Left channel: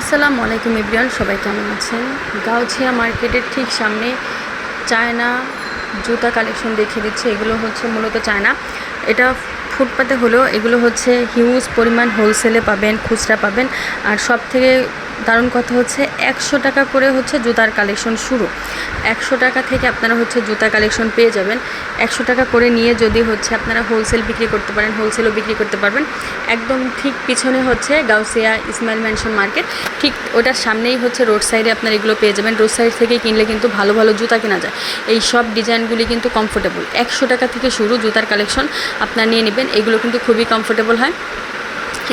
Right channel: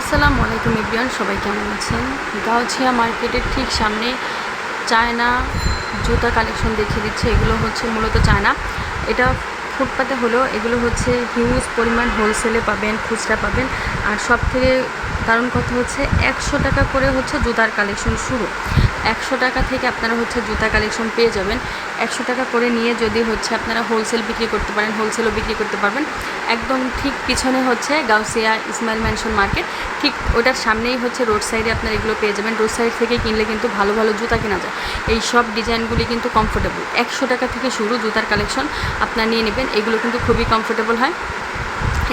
আসসালামু আলাইকুম ইবরিয়ান সবাই কেমন আছেন? গাউছিয়া মার্কেটের ঠিক সামনে চায়না জুতা কালেকশন দেখিয়ে দিচ্ছে। এগুলো হচ্ছে মূলত চায়না। এটা ফুটপাতে হলেও এগুলো হচ্ছে হিউজ পরিমাণ হোলসেলে পাবেন, খুচরা পাবেন। আর সব থেকে দারুণ কথা হচ্ছে একশো টাকা করে হচ্ছে জুতার কালেকশন শুরু। একশো টাকা থেকে আপনারা হচ্ছে জুতা কালেকশন পেয়ে যাবেন। একশো টাকা করে নিয়ে যদি হচ্ছে আপনারা হোলসেল বিক্রি করতে পারেন হোলসেলও বিক্রি করতে পারবেন। একদম ঠিক পিছনে হচ্ছে গাউসিয়া ইসমাইল ম্যানশন মার্কেট ঠিক ওটার সামনেই হচ্ছে রোড সাইডে আপনারা এগুলো পেয়ে যাবেন। রোড সাইড থেকে কিনলে কিন্তু ভালো ভালো জুতা কেনা যায়। এই সব ডিজাইনগুলি কিন্তু কমফোর্টেবল একশো টাকা থেকে শুরু জুতার কালেকশন আপনারা নিয়ে নেবেন। এগুলো কিন্তু খুবই কমফোর্টেবল হয়।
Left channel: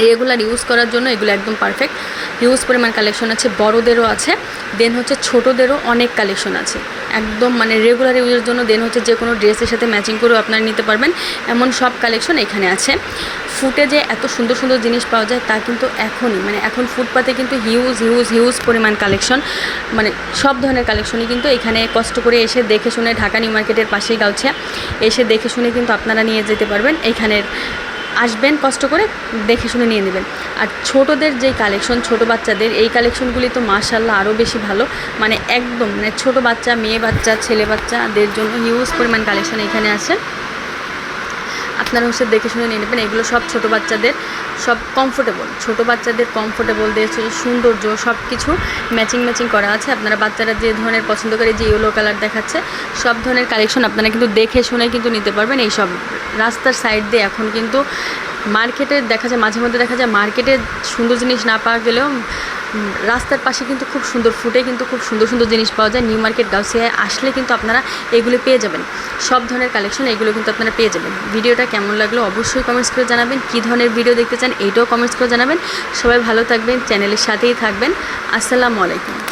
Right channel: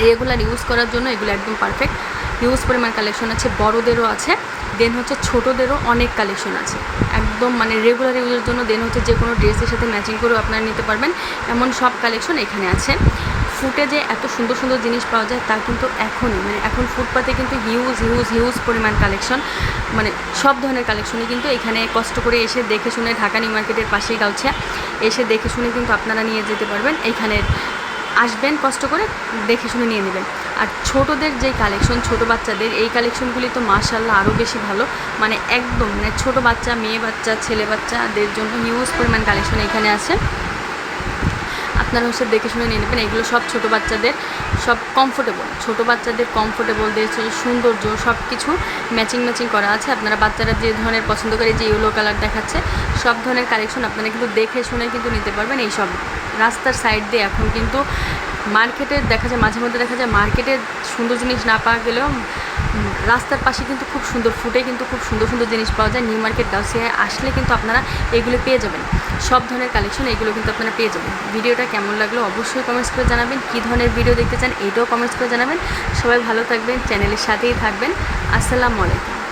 রেগুলার ইউজ করার জন্য এগুলো একদম পারফেক্ট হিউজ পরিমাণ কালেকশন আছে, বড়োদেরও আছে দেন হচ্ছে ছোটোদেরও অনেক কালেকশন আছে। একদম মানে রেগুলার ইউজের জন্য দেন হচ্ছে যে কোনো ড্রেসের সাথে ম্যাচিং করেও আপনারা নিতে পারবেন। এমন সব কালেকশন এখানে আছে। ফুটে যে এত সুন্দর সুন্দর জিনিস পাওয়া যায়, তা কিন্তু এখনই মানে এখন ফুটপাতে কিন্তু হিউজ হিউজ হিউজ পরিমাণ কালেকশন মানে সব ধরনের কালেকশনই কিন্তু এখানে কষ্ট করে এসে দেখে শুনে ঢাকা নিউ মার্কেটের পাশেই গাউছিয়া, এসে দেখে শুনে কিন্তু আপনারা নিয়ে যেতে পারবেন। এইখানের আসবেন কষ্ট করে, দেখে শুনে নিয়ে নেবেন। আর ছোটোদের যে কালেকশন ছোট বাচ্চাদের, এই কালেকশনগুলি তো মার্শাল্লাহ আরও বেশি ভালো। মানে একদম মানে ছোট বাচ্চা, মেয়ে বাচ্চা, ছেলে বাচ্চাদের জন্য হিউজ পরিমাণ কালেকশন এখানে আছে। আপনারা হচ্ছে দেখে শুনে নিয়ে নেবেন, এগুলো সব ছোট বাচ্চাদের, সব কমফোর্টেবল ছোট বাচ্চাদের কমফোর্টেবলদের সৌন্দর্য সব কিছু ম্যাচিং ম্যাচিং করা আছে। আপনারা বাচ্চারা যে ধরনের পছন্দ করে যে ইয়েলো কালার দেখাচ্ছে, সব ধরনের কালেকশন আপনারা কিন্তু দেখে শুনে কিন্তু নিতে পারবেন। এই সব রাস্তার সাইড দিয়ে এখন কিন্তু মার্কেটে দেখা যায়, মাঝে মধ্যে দেখা যায় মার্কেটে সুন্দর জিনিস না পাওয়া গেলেও রাস্তার পাশে কিন্তু খুব সুন্দর ফুটে কিন্তু খুব সুন্দর সুন্দর জিনিস পাওয়া যায়। নিউ মার্কেট গাউসিয়ায় আসলে কিন্তু আপনারা এগুলো পেয়ে যাবেন। সব ধরনের কালেকশন এগুলো কিন্তু আপনারা পেয়ে যাবেন। ভিডিওটা কেমন লাগল অবশ্যই কমেন্টস করে জানাবেন। কী ধরনের ভিডিও দেখতে চান এইটাও কমেন্টস করে জানাবেন। সবাই ভালো থাকবেন চ্যানেলের সাথেই থাকবেন। আসসালামু আলাইকুম।